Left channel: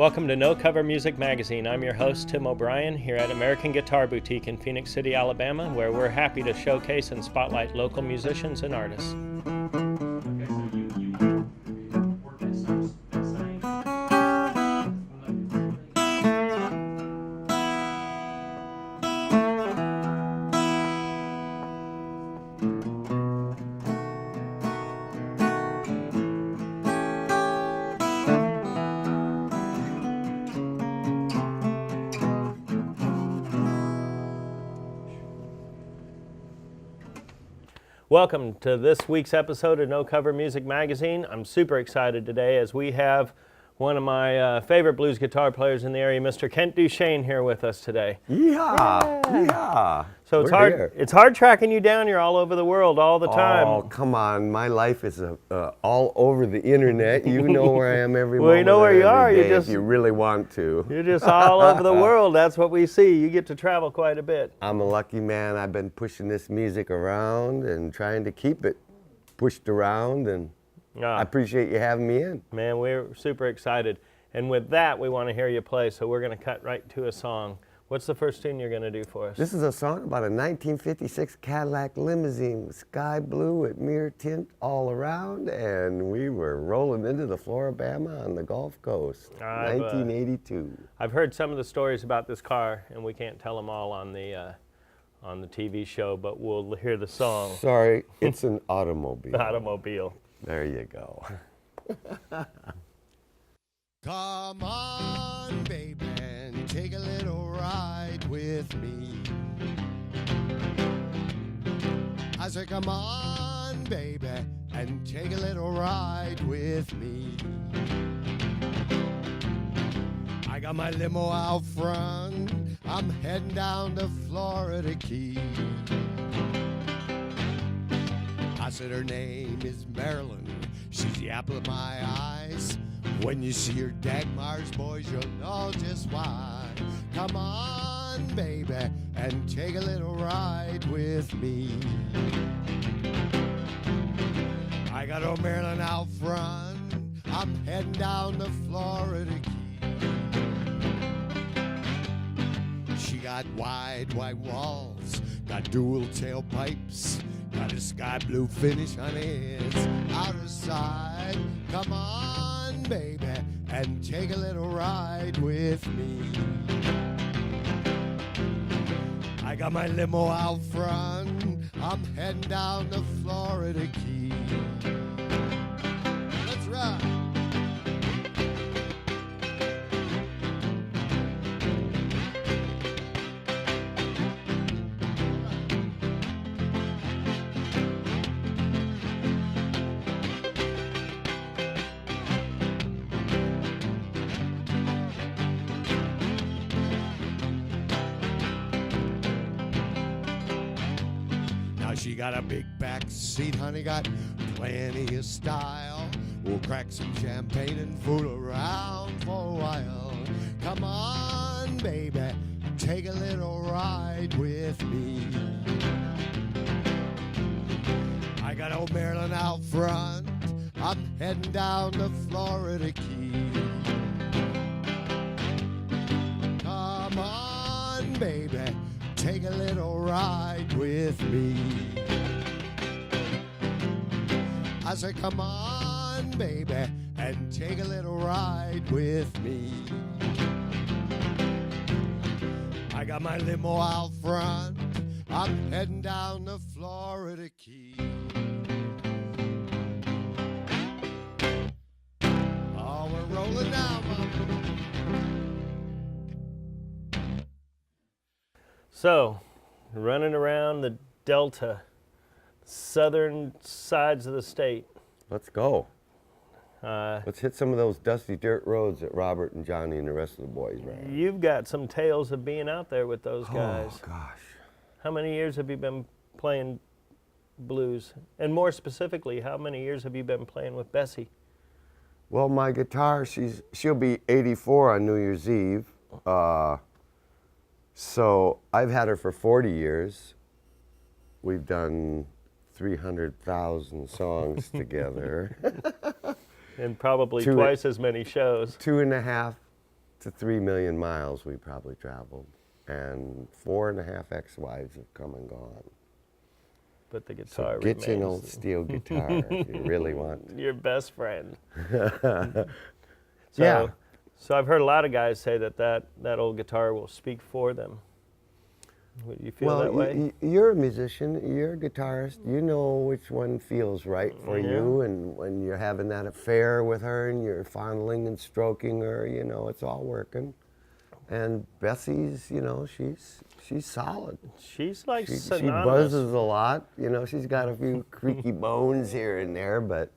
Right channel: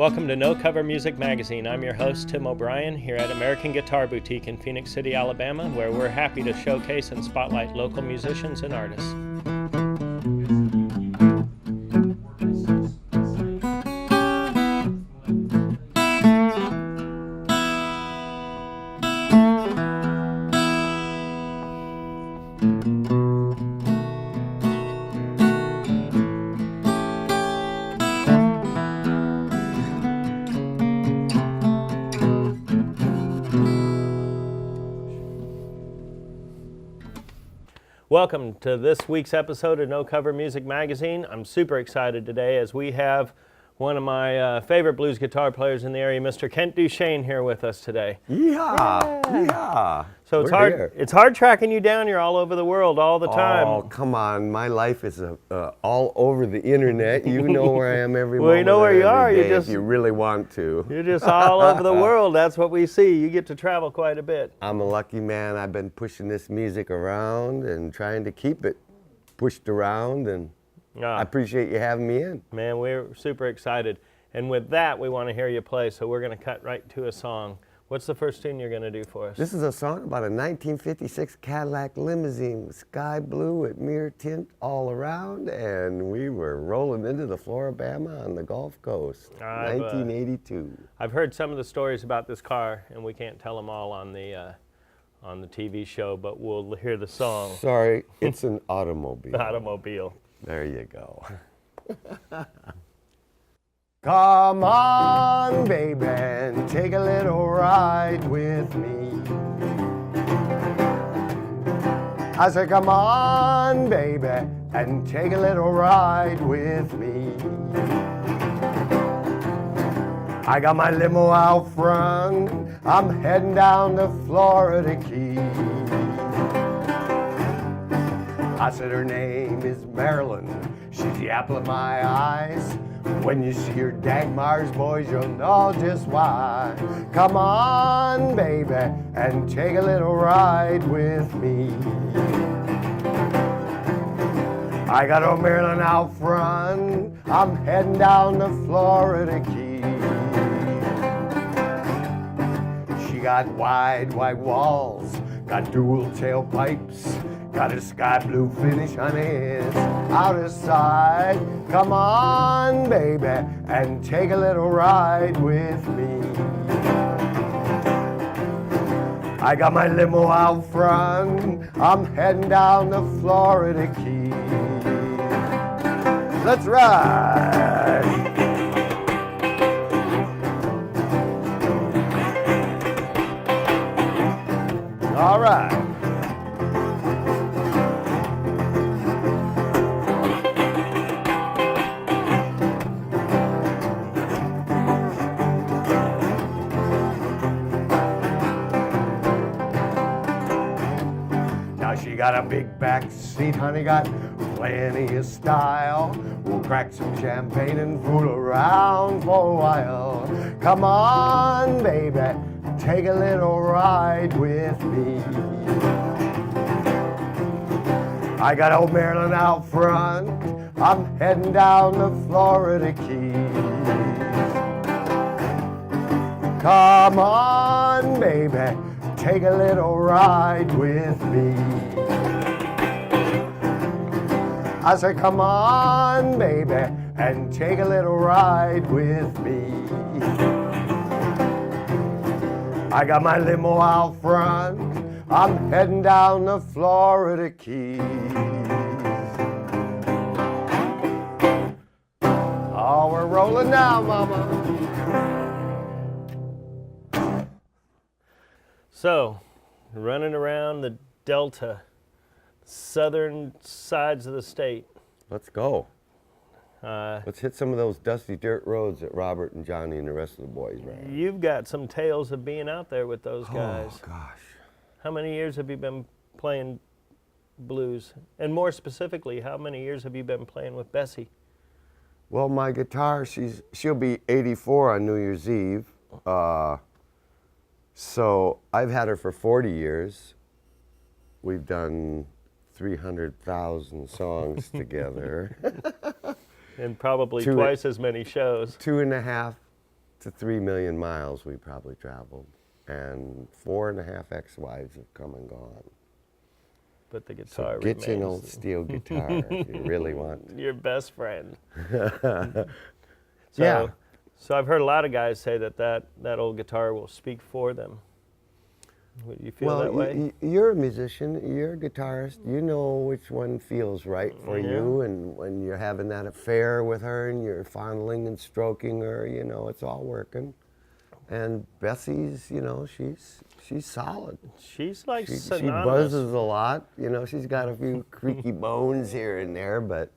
Welcome to No Cover Music Magazine. I'm your host, Tim O'Brien, here at American Guitar Boutique in Phoenix City, Alabama, where we're happy to showcase and spotlight local musicians and artists. Welcome to this week's episode of No Cover Music Magazine. I'm super excited today as we have one of my favorite blues guitar players in the area, Mr. Kent DuChaine, here with us today. Yeah. So it's hard tracking you down. You're all over the world all the time. Oh, come on. My life is all over the internet. You know where I am every Well, moment. you know where you are. Day if you really want to. You're just all over the world. That's what we see. You get to travel quite a bit. I'm a lucky man. I've been pushing this music around and trying to keep it pushed around, and I appreciate you having me in. Man, we're super excited. And with that, we want to hear you play, so we're going to cut right to a song. What's the first tune you're going to do for us? This is a song about a 1956 Cadillac limousine with sky blue with mirror tint all around, and we were rolling into the Floribama on the Gulf Coast, 1982. I've heard some of the stories about this car, and we can't tell them all on the TV show, but we'll hear the song. Sorry, it's an automobile. Automobile. There you go. Come on, baby, and take a little ride with me. I said, come on, baby, and take a little ride with me. I got my limo out front, I'm heading down to Florida Key. I said, her name is Marilyn, she's the apple of my eyes. When you see her Dagmar's boys, you'll know just why. Come on, baby, and take a little ride with me. I got old Marilyn out front, I'm heading down to Florida Key. She got wide, white walls, got dual tailpipes, got a sky blue finish on its outer side. Come on, baby, and take a little ride with me. I got my limo out front, I'm heading down to Florida Key. Let's ride. All right. Now she got a big back seat, honey, got plenty of style. We'll crack some champagne and fool around for a while. Come on, baby, take a little ride with me. I got old Marilyn out front, I'm heading down to Florida Key. Come on, baby, take a little ride with me. I said, come on, baby, and take a little ride with me. I got my limo out front, I'm heading down to Florida Key. Oh, we're rolling now, mama. So, running around the Delta, southern sides of the state. Let's go. Let's hit some of those dusty dirt roads that Robert and Johnny and the rest of the boys ran. You've got some tales of being out there with those guys. Oh, gosh. How many years have you been playing blues? And more specifically, how many years have you been playing with Bessie? Well, my guitar, she'll be 84 on New Year's Eve. So I've had her for 40 years. We've done 300,000 songs together. And probably twice as many shows. 2.5 to 3 million miles we probably traveled, and 4.5 ex-wives have come and gone. But the guitar So get you an remains old steel guitar if you really want. your best friend. Yeah. So I've heard a lot of guys say that old guitar will speak for them. Would you feel that way? You're a musician, you're a guitarist, you know which one feels right for you, and when you're having that affair with her and you're fondling and stroking her, you know, it's all working. And Bessie's, you know, she's solid. She's like She synonymous. buzzes a lot, you know, she's got a few creaky bones here and there, but,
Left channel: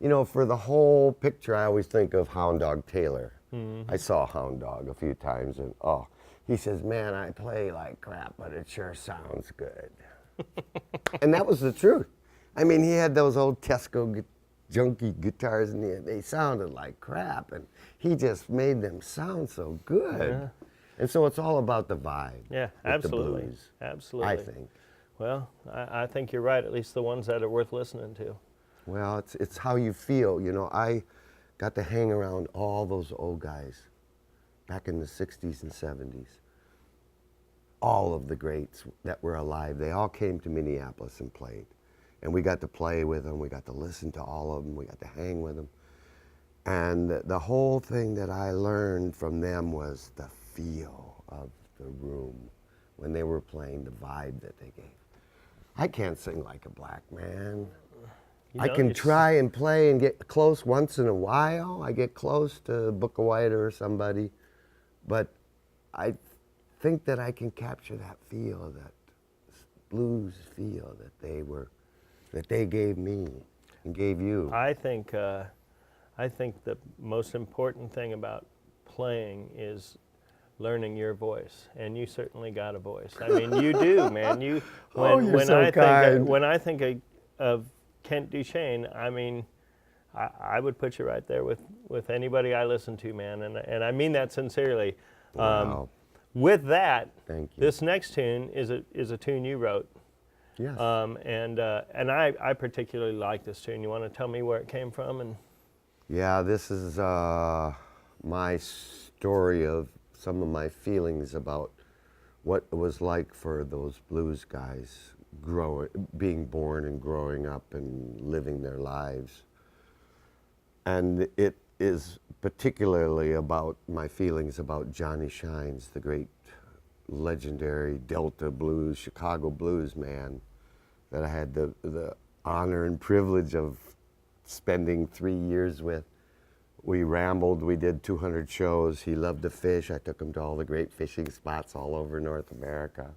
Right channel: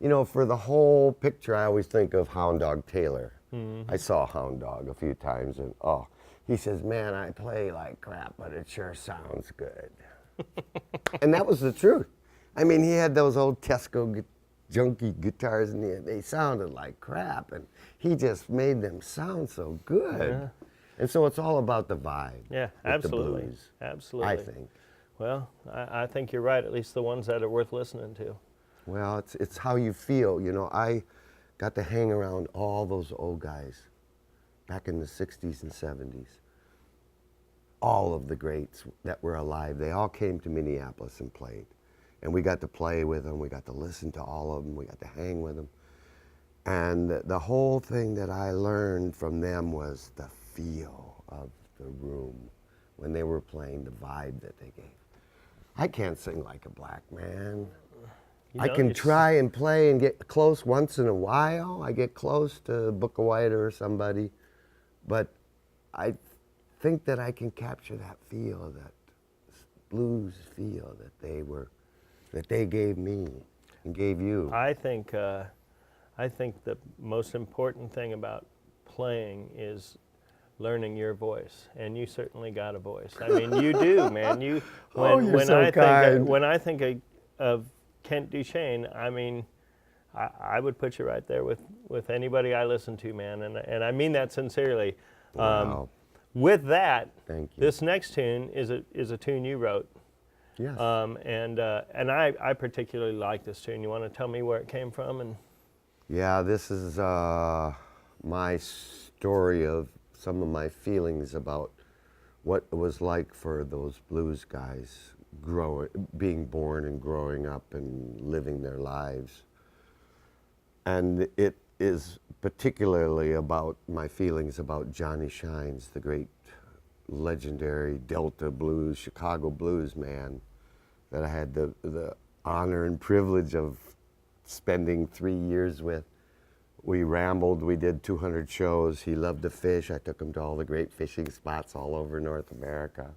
you know, for the whole picture, I always think of Hound Dog Taylor. I saw Hound Dog a few times, and he says, man, I play like crap, but it sure sounds good. And that was the truth. I mean, he had those old Tesco junky guitars, and they sounded like crap, and he just made them sound so good. Yeah. And so it's all about the vibe. Yeah, with absolutely. The blues, Absolutely. I think. Well, I think you're right, at least the ones that are worth listening to. Well, it's how you feel. You know, I got to hang around all those old guys back in the 60s and 70s. All of the greats that were alive, they all came to Minneapolis and played. And we got to play with them, we got to listen to all of them, we got to hang with them. And the whole thing that I learned from them was the feel of the room when they were playing, the vibe that they gave. I can't sing like a black man. I can try and play and get close once in a while. I get close to Book of White or somebody, but I think that I can capture that feel, that blues feel that they gave me and gave you. I think the most important thing about playing is learning your voice, and you certainly got a voice. I mean, you do, man. You're so kind. When I think of Kent DuChaine, I mean, I would put you right there with anybody I listen to, man, and I mean that sincerely. Wow. With that, thank you. This next tune is a tune you wrote. Yes. And I particularly like this tune. You want to tell me where it came from? And yeah, this is my story of some of my feelings about what it was like for those blues guys being born and growing up and living their lives. And it is particularly about my feelings about Johnny Shines, the great legendary Delta blues, Chicago blues man that I had the honor and privilege of spending 3 years with. We rambled, we did 200 shows. He loved to fish. I took him to all the great fishing spots all over North America.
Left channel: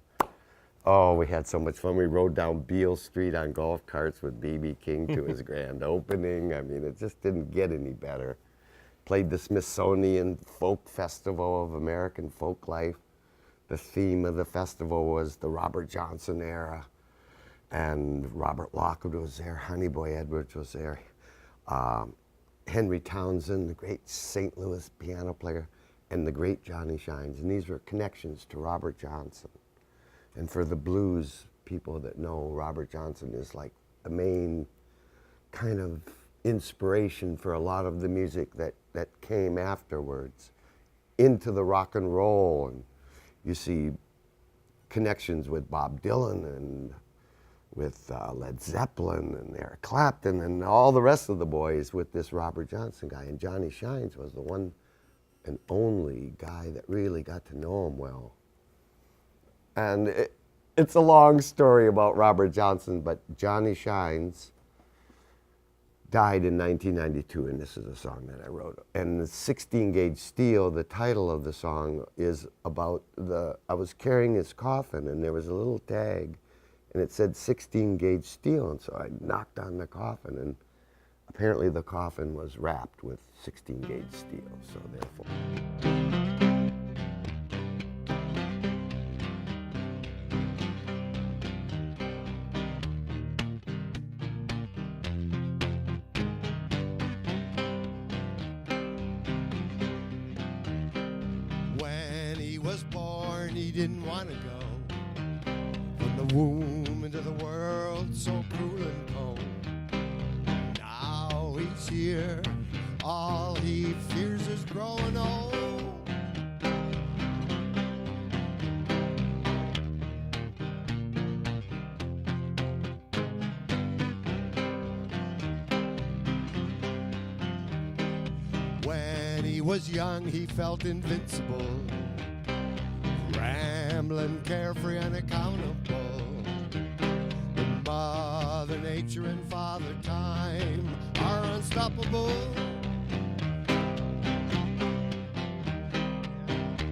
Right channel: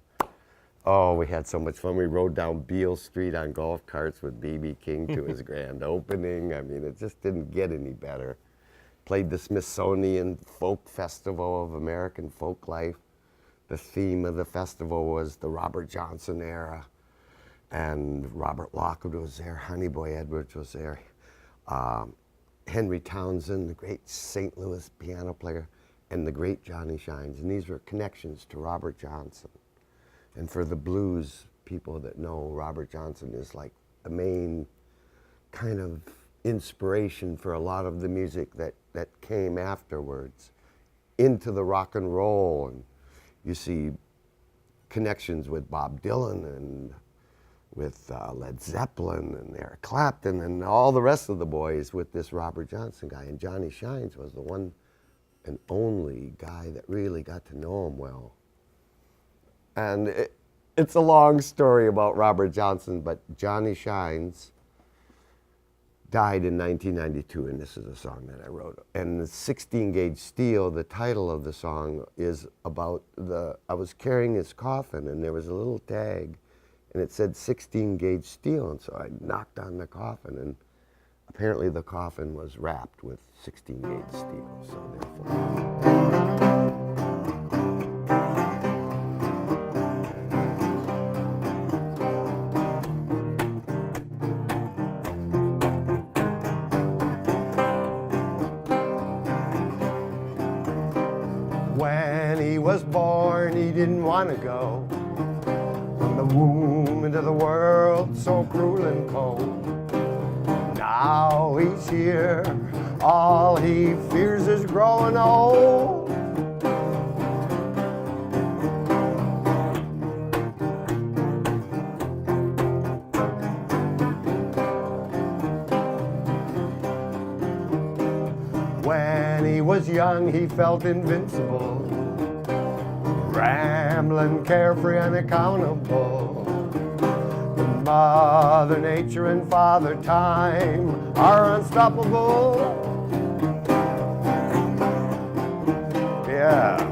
Oh, we had so much fun. We rode down Beale Street on golf carts with B.B. King to his grand opening. I mean, it just didn't get any better. Played the Smithsonian Folk Festival of American Folk Life. The theme of the festival was the Robert Johnson era. And Robert Lockwood was there, Honey Boy Edwards was there. Henry Townsend, the great St. Louis piano player, and the great Johnny Shines. And these were connections to Robert Johnson. And for the blues people that know, Robert Johnson is like the main kind of inspiration for a lot of the music that came afterwards into the rock and roll. And you see connections with Bob Dylan and with Led Zeppelin and Eric Clapton and all the rest of the boys with this Robert Johnson guy. And Johnny Shines was the one and only guy that really got to know him well. And it's a long story about Robert Johnson, but Johnny Shines died in 1992, and this is a song that I wrote. And the 16-gauge steel, the title of the song is about I was carrying his coffin, and there was a little tag, and it said 16-gauge steel, and so I knocked on the coffin, and apparently the coffin was wrapped with 16-gauge steel, so therefore. When he was born, he didn't want to go from the womb into the world so cruel and cold. Now he's here, all he fears is growing old. was young, he felt invincible, rambling, carefree, unaccountable. Mother Nature and Father Time are unstoppable. Yeah.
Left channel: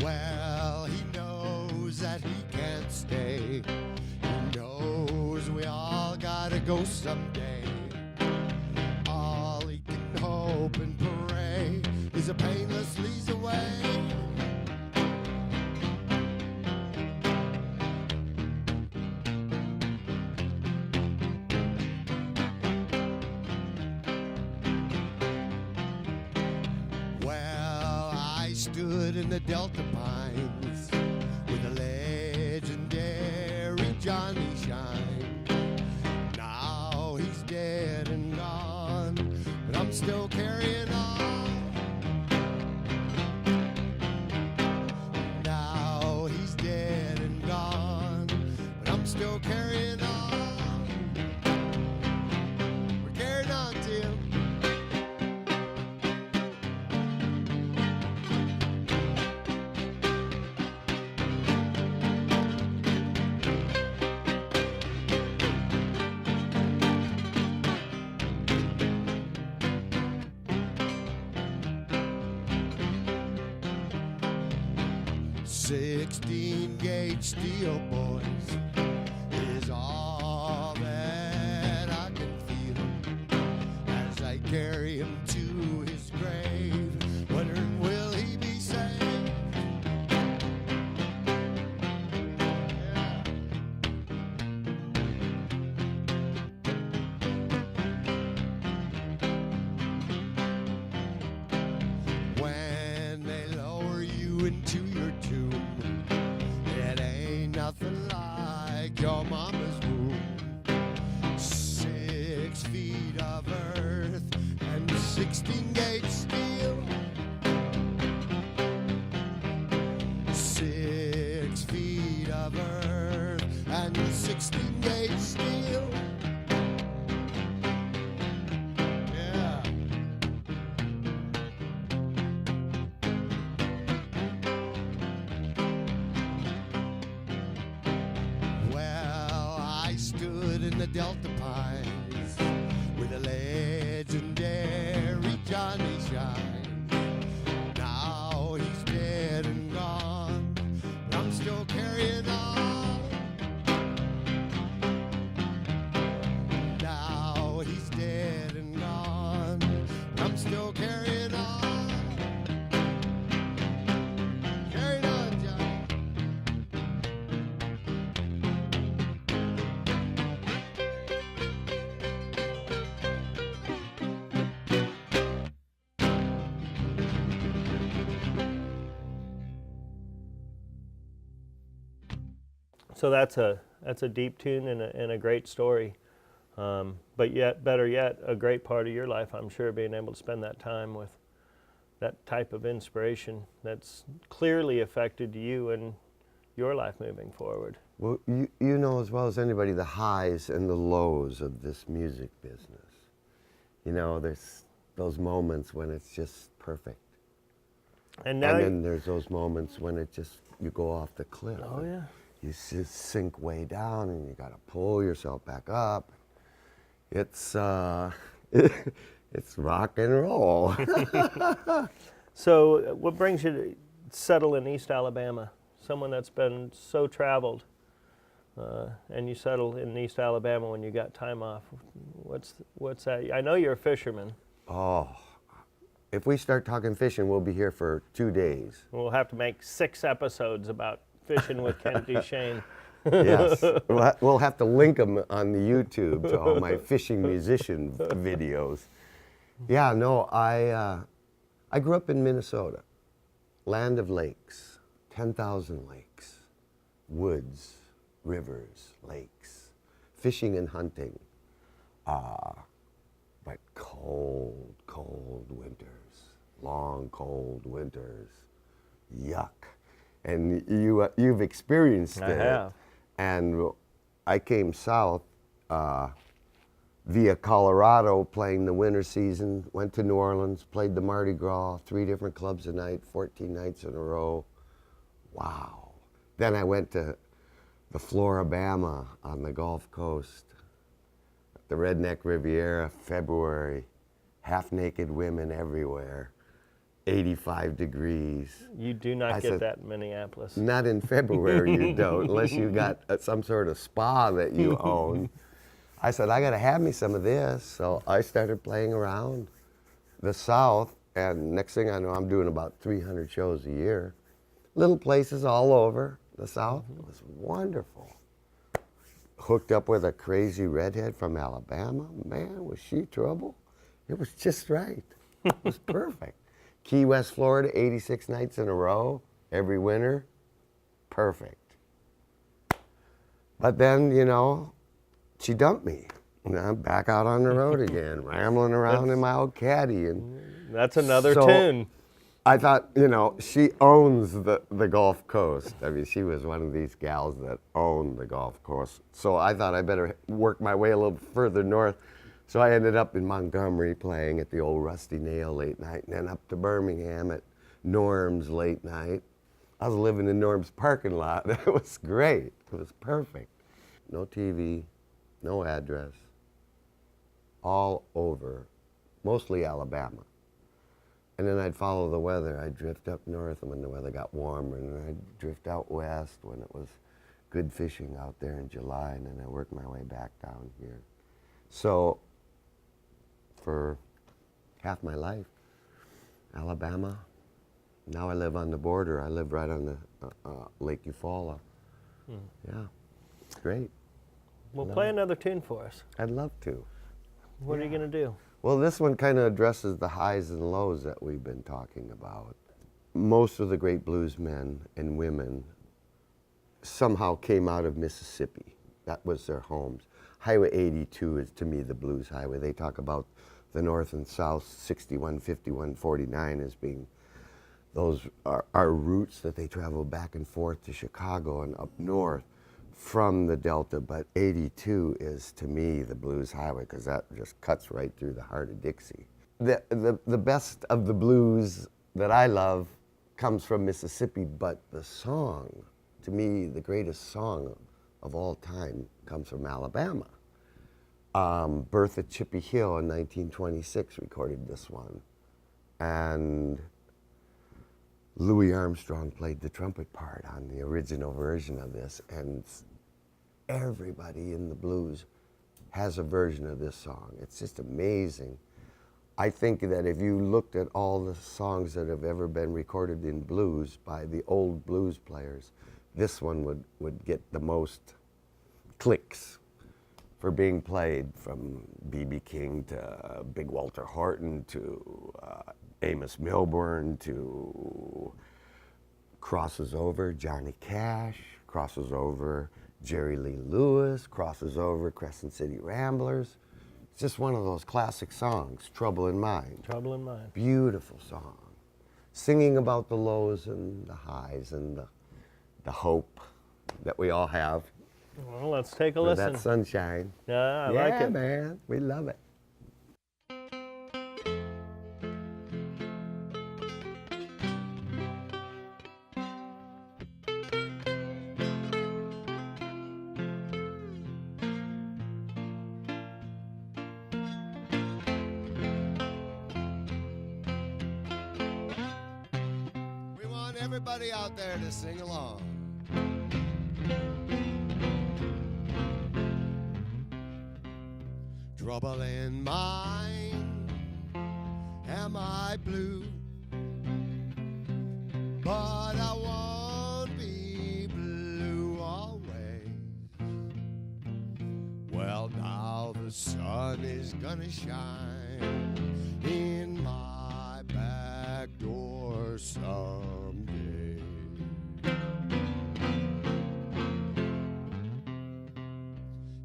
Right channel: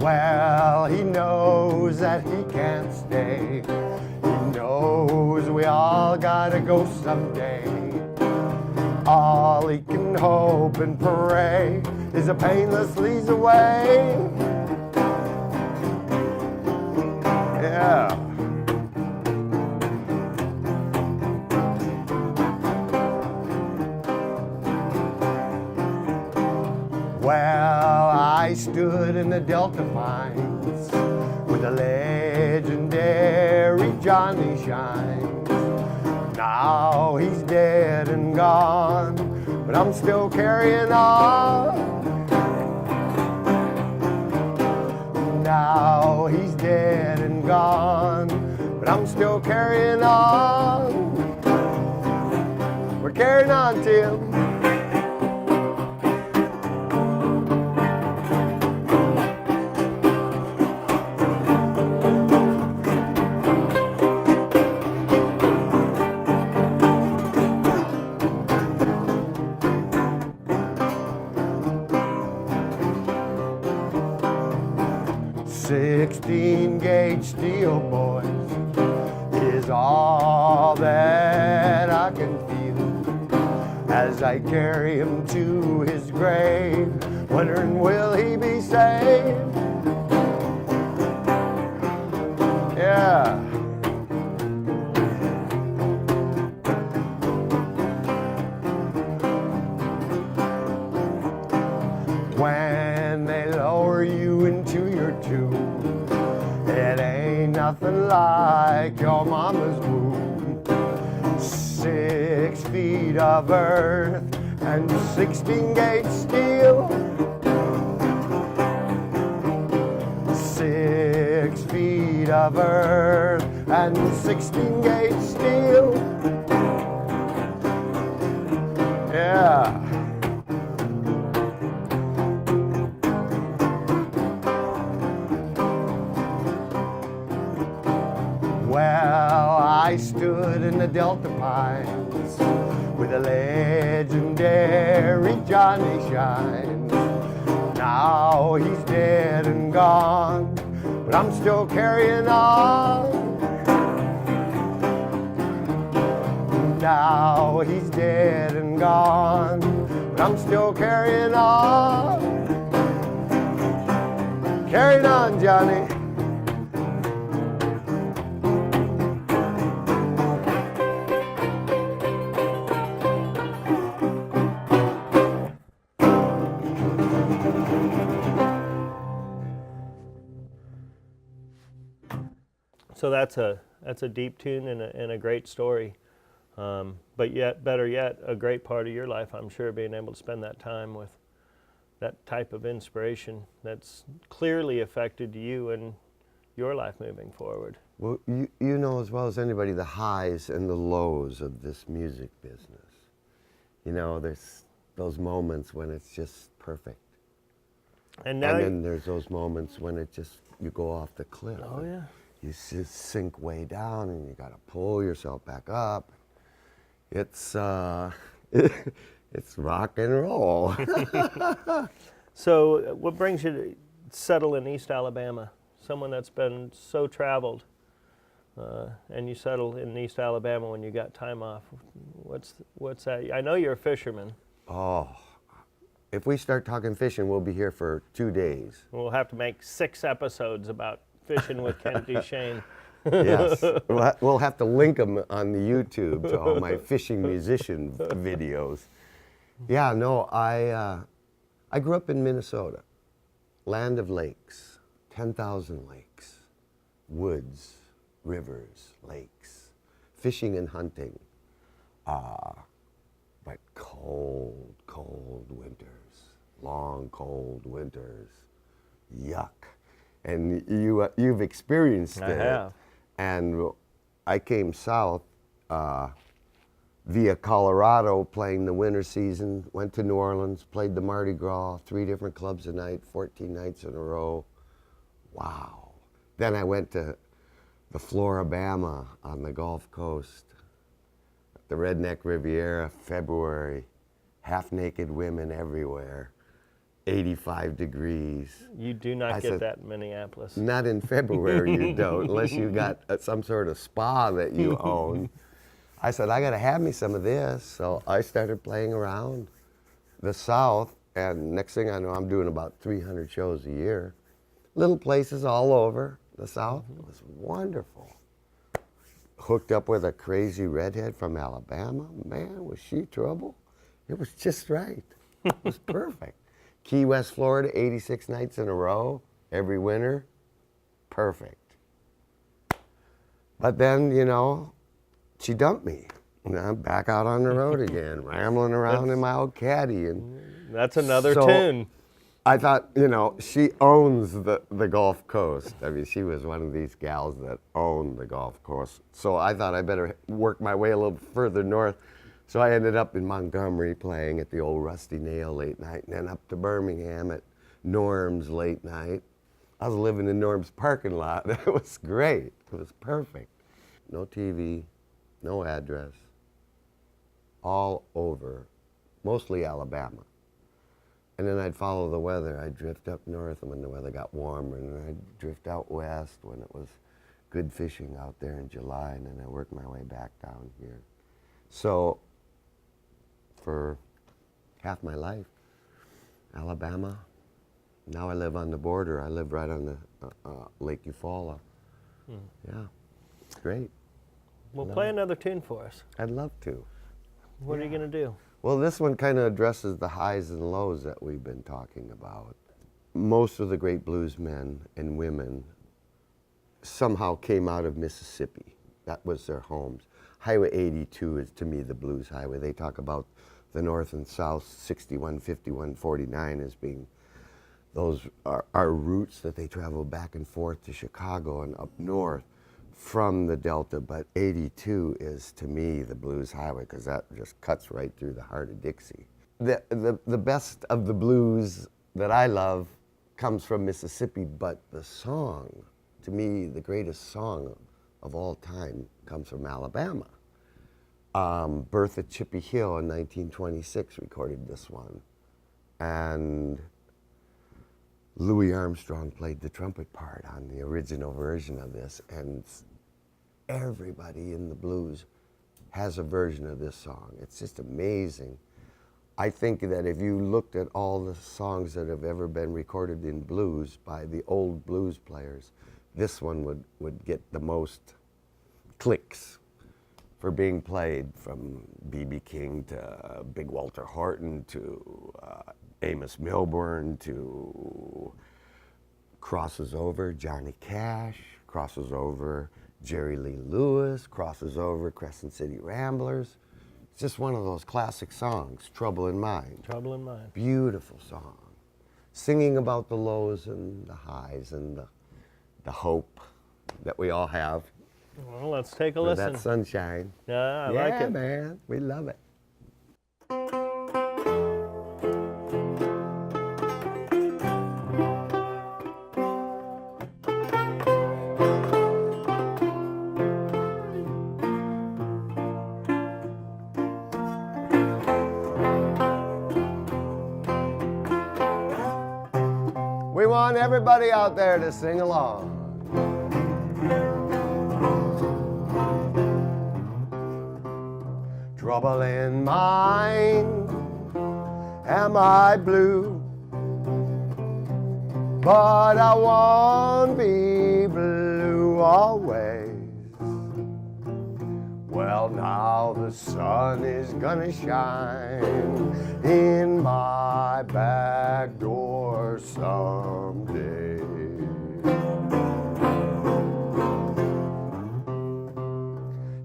Well, he knows that he can't stay. He knows we all gotta go someday. All he can hope and pray is a painless leads away. Yeah. Well, I stood in the Delta Pines with the legendary Johnny Shine. Now he's dead and gone, but I'm still carrying on. Now he's dead and gone, but I'm still carrying on. We're carrying on, Tim. Gauge steel, boys, is all that I can feel as I carry him to his grave, wondering will he be saved? Yeah. When they lower you into your tomb, it ain't nothing like your mama's womb. 6 feet of earth and 16 gauge steel. 6 feet of earth and 16 gauge steel. Yeah. Well, I stood in the Delta Pines with the legendary Johnny Shine. Now he's dead and gone, but I'm still carrying on. Now he's dead and gone, but I'm still carrying on. Carrying on, Johnny. So that's a deep tune and a great story, but yet better yet, a great part of your life, I'm sure, being able to spend that time with that type of inspiration that's clearly affected you and your life moving forward. Well, you know as well as anybody the highs and the lows of this music business. You know, there's those moments when it's just perfect, And now, and then there's those moments when it just you go off the cliff. oh yeah. You just sink way down, and you got to pull yourself back up. It's it's rock and roll. So, what brings you to settle in East Alabama? Someone that's been so traveled, and you settled in East Alabama when you got time off. What's that? I know you're a fisherman. Oh, if we start talking fishing, we'll be here for 2 days. We'll have to make 6 episodes about fishing with Kent DuChaine. Yes, we'll have to link them on the YouTube to all my fishing musician videos. Yeah, no, I grew up in Minnesota, land of lakes, 10,000 lakes, woods, rivers, lakes, fishing and hunting, but cold, cold winters, long, cold winters, yuck. And you've experienced it. I have. And I came south via Colorado, playing the winter season, went to New Orleans, played the Mardi Gras, 3 different clubs a night, 14 nights in a row. Wow. Then I went to the Floribama on the Gulf Coast, the Redneck Riviera, February, half-naked women everywhere, 85 degrees. You do not get that in Minneapolis. Not in February, you don't, unless you got some sort of spa that you own. I said, I got to have me some of this. So I started playing around the South, and next thing I know, I'm doing about 300 shows a year. Little places all over the South. It was wonderful. Hooked up with a crazy redhead from Alabama. Man, was she trouble? It was just right. It was perfect. Key West, Florida, 86 nights in a row, every winter. Perfect. But then, you know, she dumped me. And I'm back out on the road again, rambling around in my old caddy. And that's another tune. I thought, you know, she owns the Gulf Coast. I mean, she was one of these gals that owned the Gulf Coast. So I thought I better work my way a little further north. So I ended up in Montgomery playing at the old Rusty Nail late night, and then up to Birmingham at Norm's late night. I was living in Norm's parking lot. It was great. It was perfect. No TV, no address, all over, mostly Alabama. And then I'd follow the weather. I'd drift up north when the weather got warmer, and then I'd drift out west when it was good fishing out there in July, and then I worked my way back down here. So for half my life, Alabama. Now I live on the border. I live right on the Lake Eufaula. Yeah, it's great. Well, play another tune for us. I'd love to. What are you going to do? Well, this one kind of addresses the highs and lows that we've been talking about. Most of the great blues men and women somehow came out of Mississippi. That was their homes. Highway 82 is, to me, the blues highway. They talk about the north and south, 61, 51, 49 as being, those are routes that they travel back and forth to Chicago and up north from the Delta, but 82 is, to me, the blues highway, because that just cuts right through the heart of Dixie. The best of the blues that I love comes from Mississippi, but the song, to me, the greatest song of all time comes from Alabama. Bertha Chippy Hill in 1926 recorded this one, and Louis Armstrong played the trumpet part on the original version of this, and everybody in the blues has a version of this song. It's just amazing. I think that if you looked at all the songs that have ever been recorded in blues by the old blues players, this one would get the most clicks for being played, from B.B. King to Big Walter Horton to Amos Milburn to crosses over Johnny Cash, crosses over Jerry Lee Lewis, crosses over Crescent City Ramblers. It's just one of those classic songs, Trouble in Mind. Trouble in Mind. Beautiful song. Singing about the lows and the highs and the hope that we all have. Well, let's take a listen. That sunshine. Yeah, I like it. Yeah, man. We love it. We want everybody out there to sing along. Trouble in mind, am I blue? But I won't be blue always. Well, now the sun is gonna shine in my back door someday.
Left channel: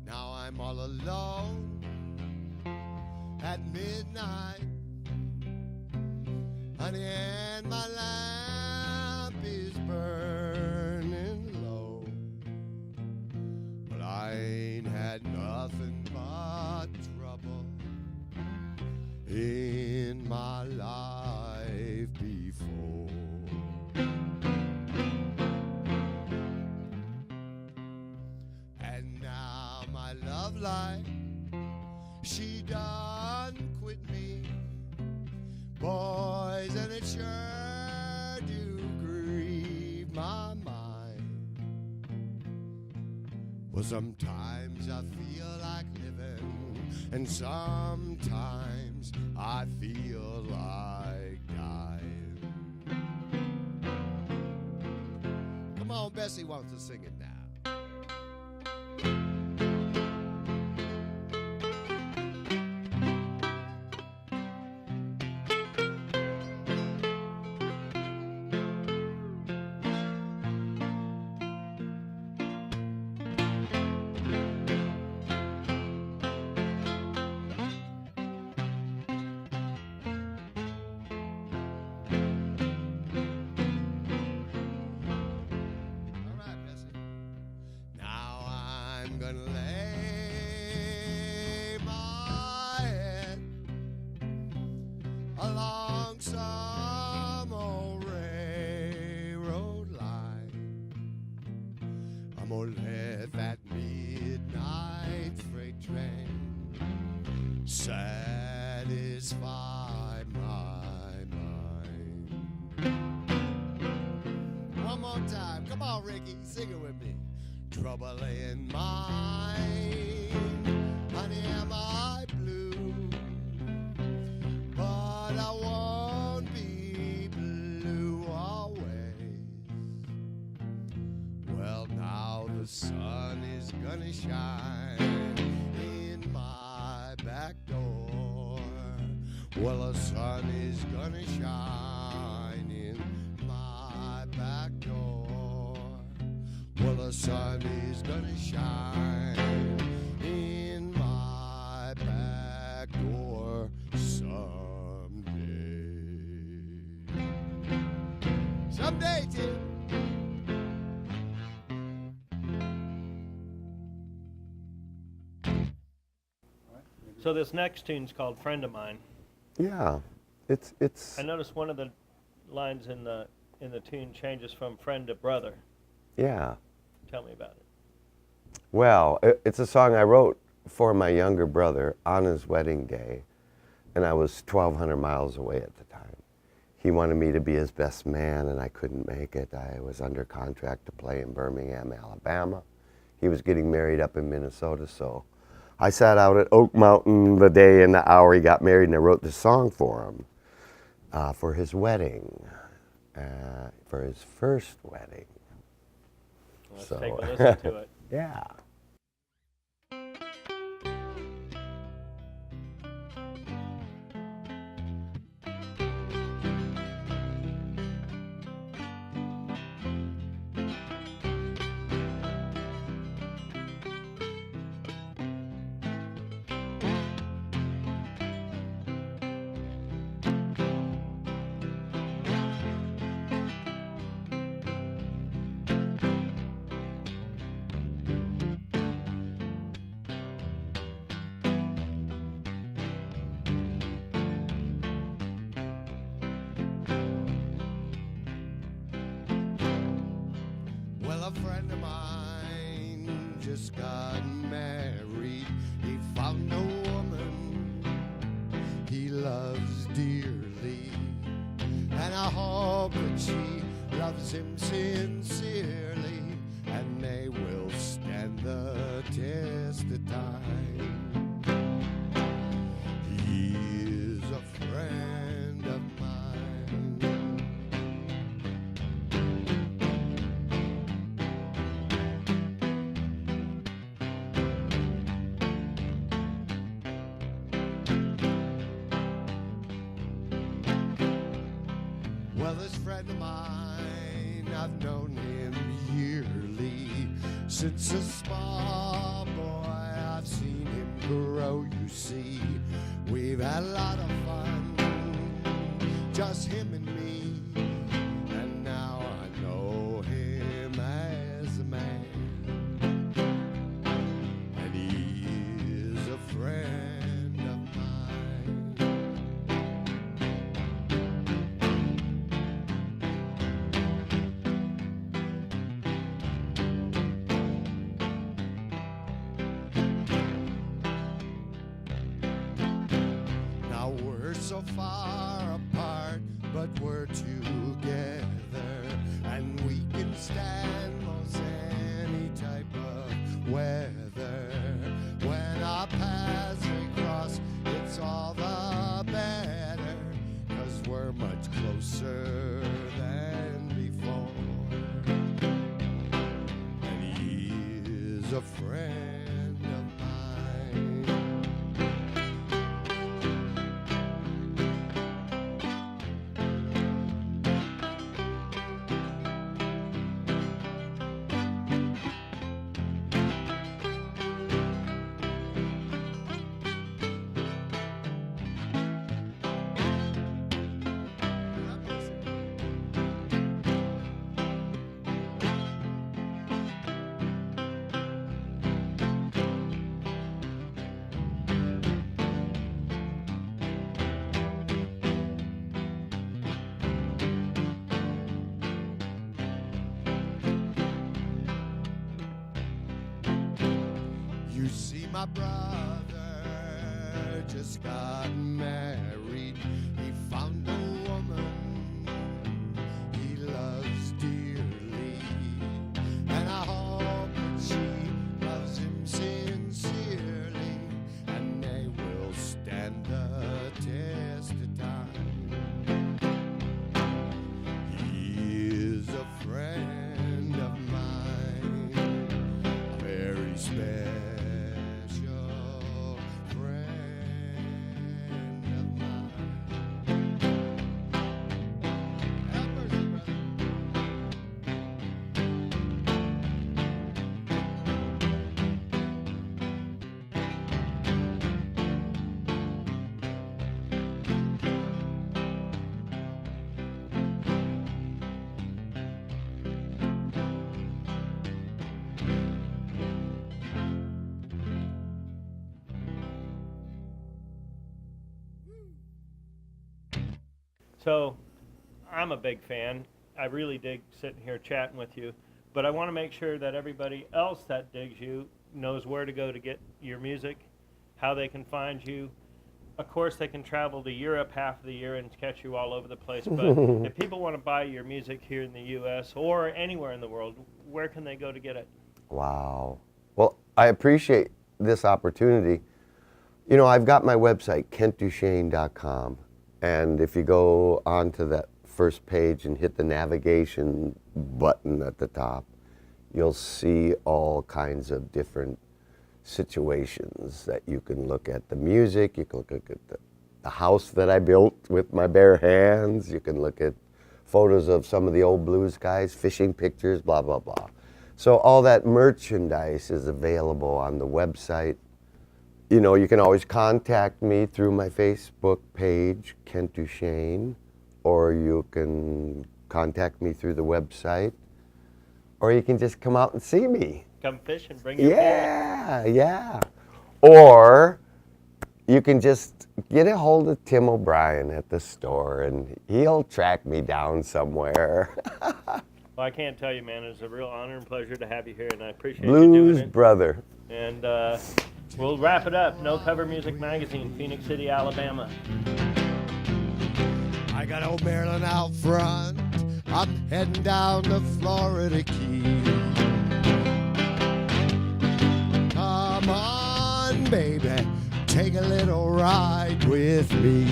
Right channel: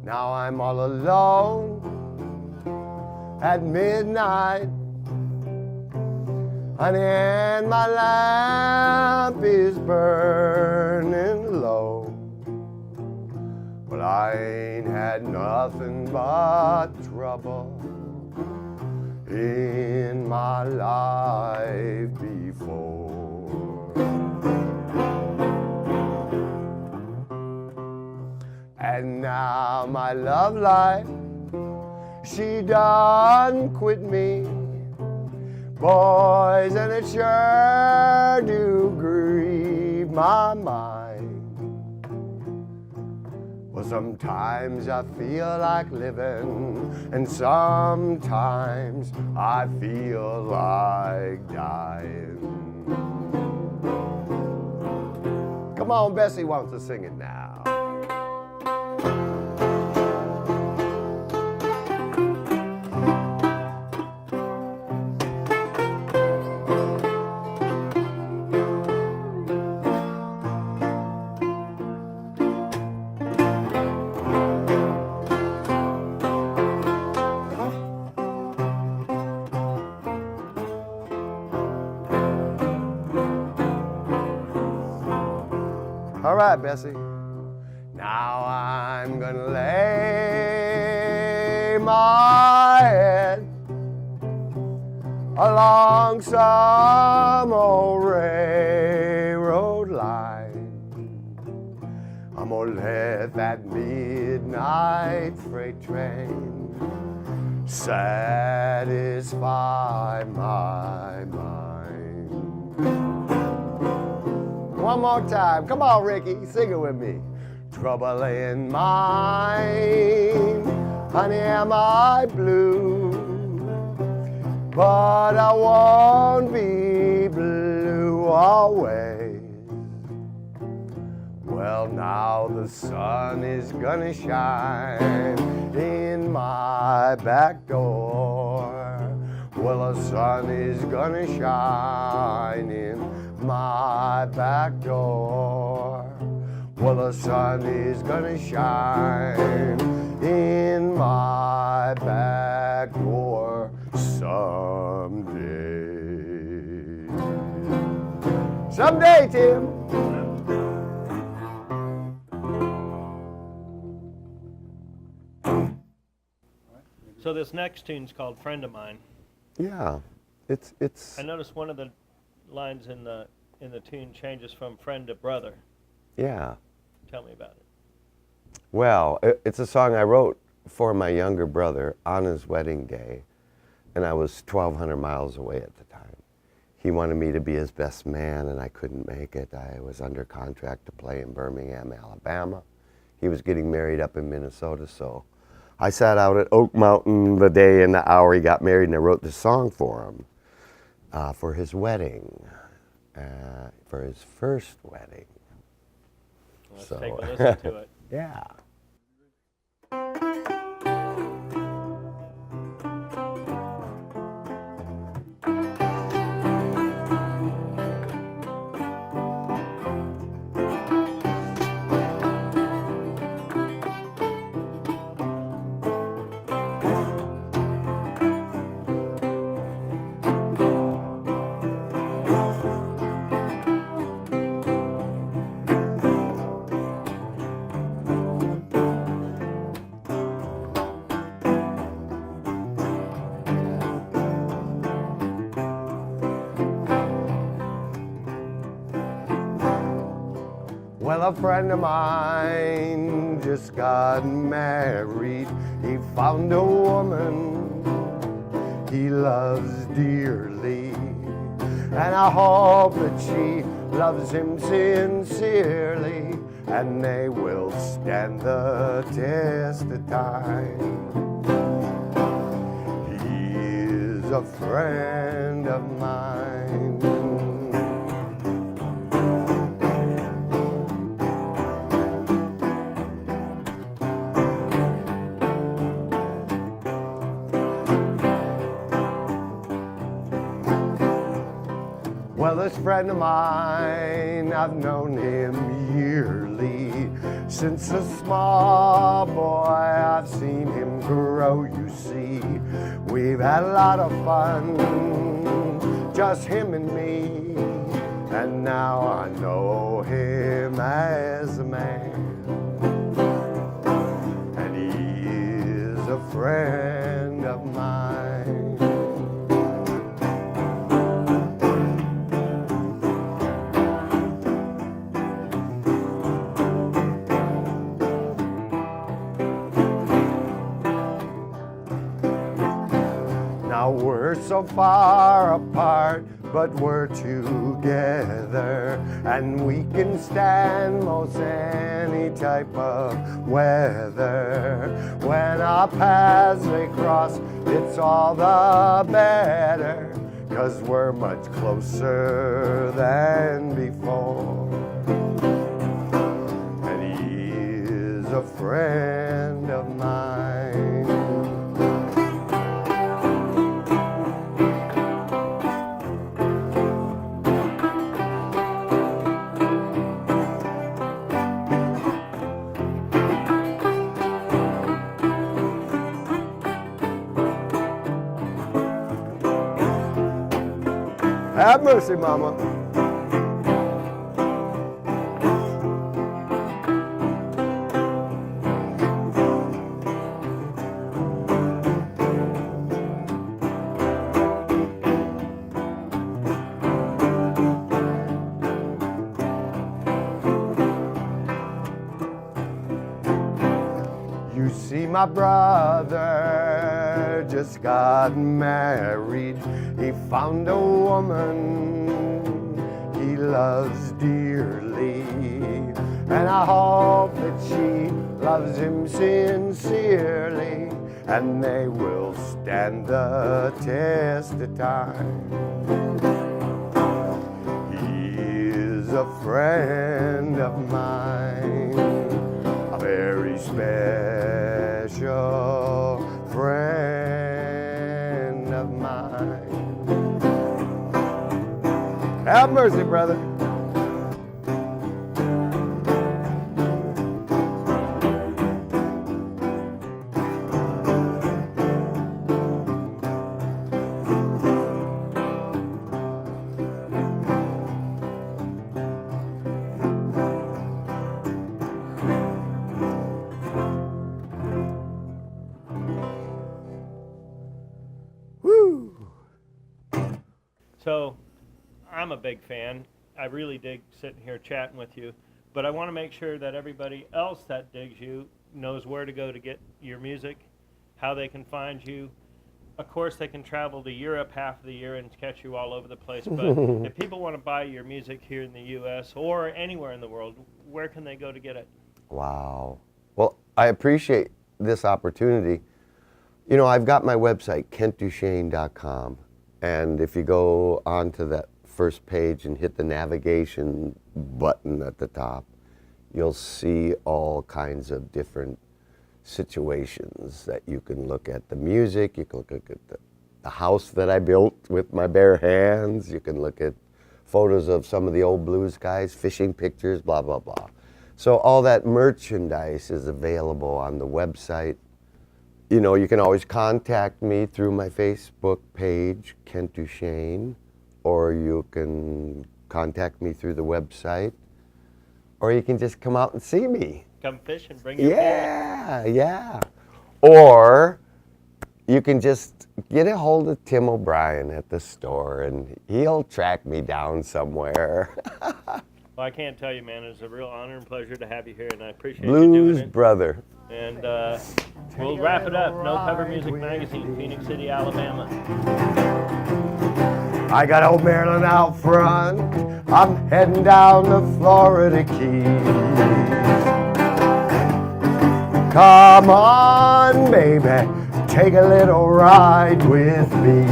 Now I'm all alone at midnight, honey, and my lamp is burning low. Well, I ain't had nothing but trouble in my life before. And now my love life, she done quit me. Boys, and it sure do grieve my mind. Well, sometimes I feel like living, and sometimes I feel like dying. Come on, Bessie wants to sing it now. All right, Bessie. Now I'm gonna lay my head along some old railroad line. I'm gonna let that midnight freight train satisfy my mind. One more time. Come on, Ricky. Sing it with me. Trouble in mind, honey, am I blue? But I won't be blue always. Well, now the sun is gonna shine in my back door. Well, the sun is gonna shine in my back door. Well, the sun is gonna shine in my back door someday. Someday, Tim. So this next tune's called "Friend of Mine." Yeah, it's. I noticed one of the lines in the tune changes from friend to brother. Yeah. Tell me about it. Well, it's a song I wrote for my younger brother on his wedding day, and I was 1,200 miles away at the time. He wanted me to be his best man, and I couldn't make it. I was under contract to play in Birmingham, Alabama. He was getting married up in Minnesota, so I sat out at Oak Mountain the day and the hour he got married, and I wrote this song for him for his wedding, for his first wedding. Let's take a listen to it. Yeah. Well, a friend of mine just got married. He found a woman he loves dearly, and I hope that she loves him sincerely, and they will stand the test of time. He is a friend of mine. Well, this friend of mine, I've known him yearly. Since a small boy, I've seen him grow, you see. We've had a lot of fun, just him and me. And now I know him as a man. a friend of mine. Now we're so far apart, but we're together, and we can stand most any type of weather. When our paths may cross, it's all the better, 'cause we're much closer than before. And he is a friend of mine. Have mercy, Mama. You see, my brother just got married. He found a woman he loves dearly, and I hope that she loves him sincerely, and they will stand the test of time. He is a friend of mine, a very special friend of mine. Have mercy, brother. Woo! So, I'm a big fan. I really dig sitting here chatting with you, but I want to make sure that everybody else that digs you knows where to go to get your music, how they can find you. Of course, they can travel to Europe half of the year and catch you all over the place, but if people want to buy your music here in the U.S. or anywhere in the world, where can they go to get it? Wow. Well, I appreciate this opportunity. You know, I've got my website, KentDuChaine.com, and if you go onto that first page and hit the navigation button at the top, you'll see all kinds of different situations that you can look at. The music, you can look at the house that I built with my bare hands, you can look at photos of some of the old blues guys, fishing pictures, blah, blah, blah. So all that merchandise is available on the website. You know, you can always contact me through my Facebook page, Kent DuChaine, or you can contact me through the website, or you can just come out and see me. Come fish and bring your Yeah, yeah. Or you can just get a hold of Tim O'Brien at the store, and he'll track me down somewhere. Well, I can't tell you, man, it's a real honor and pleasure to have you here, and I appreciate you doing Blues it. brother. And we'll wrap it up. No Cover Music Magazine, Phoenix City, Alabama. I got old Maryland out front, I'm heading down the Florida Keys. Come on, baby, take a little ride with me.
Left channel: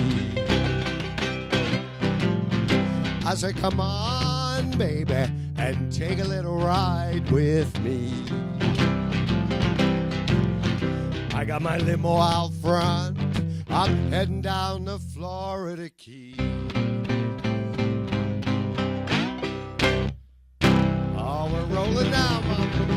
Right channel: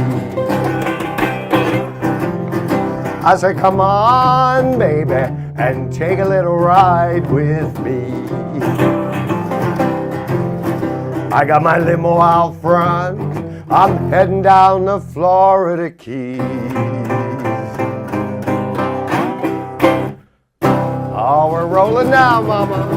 I say, come on, baby, and take a little ride with me. I got my limo out front, I'm heading down the Florida Keys. Oh, we're rolling now, mama.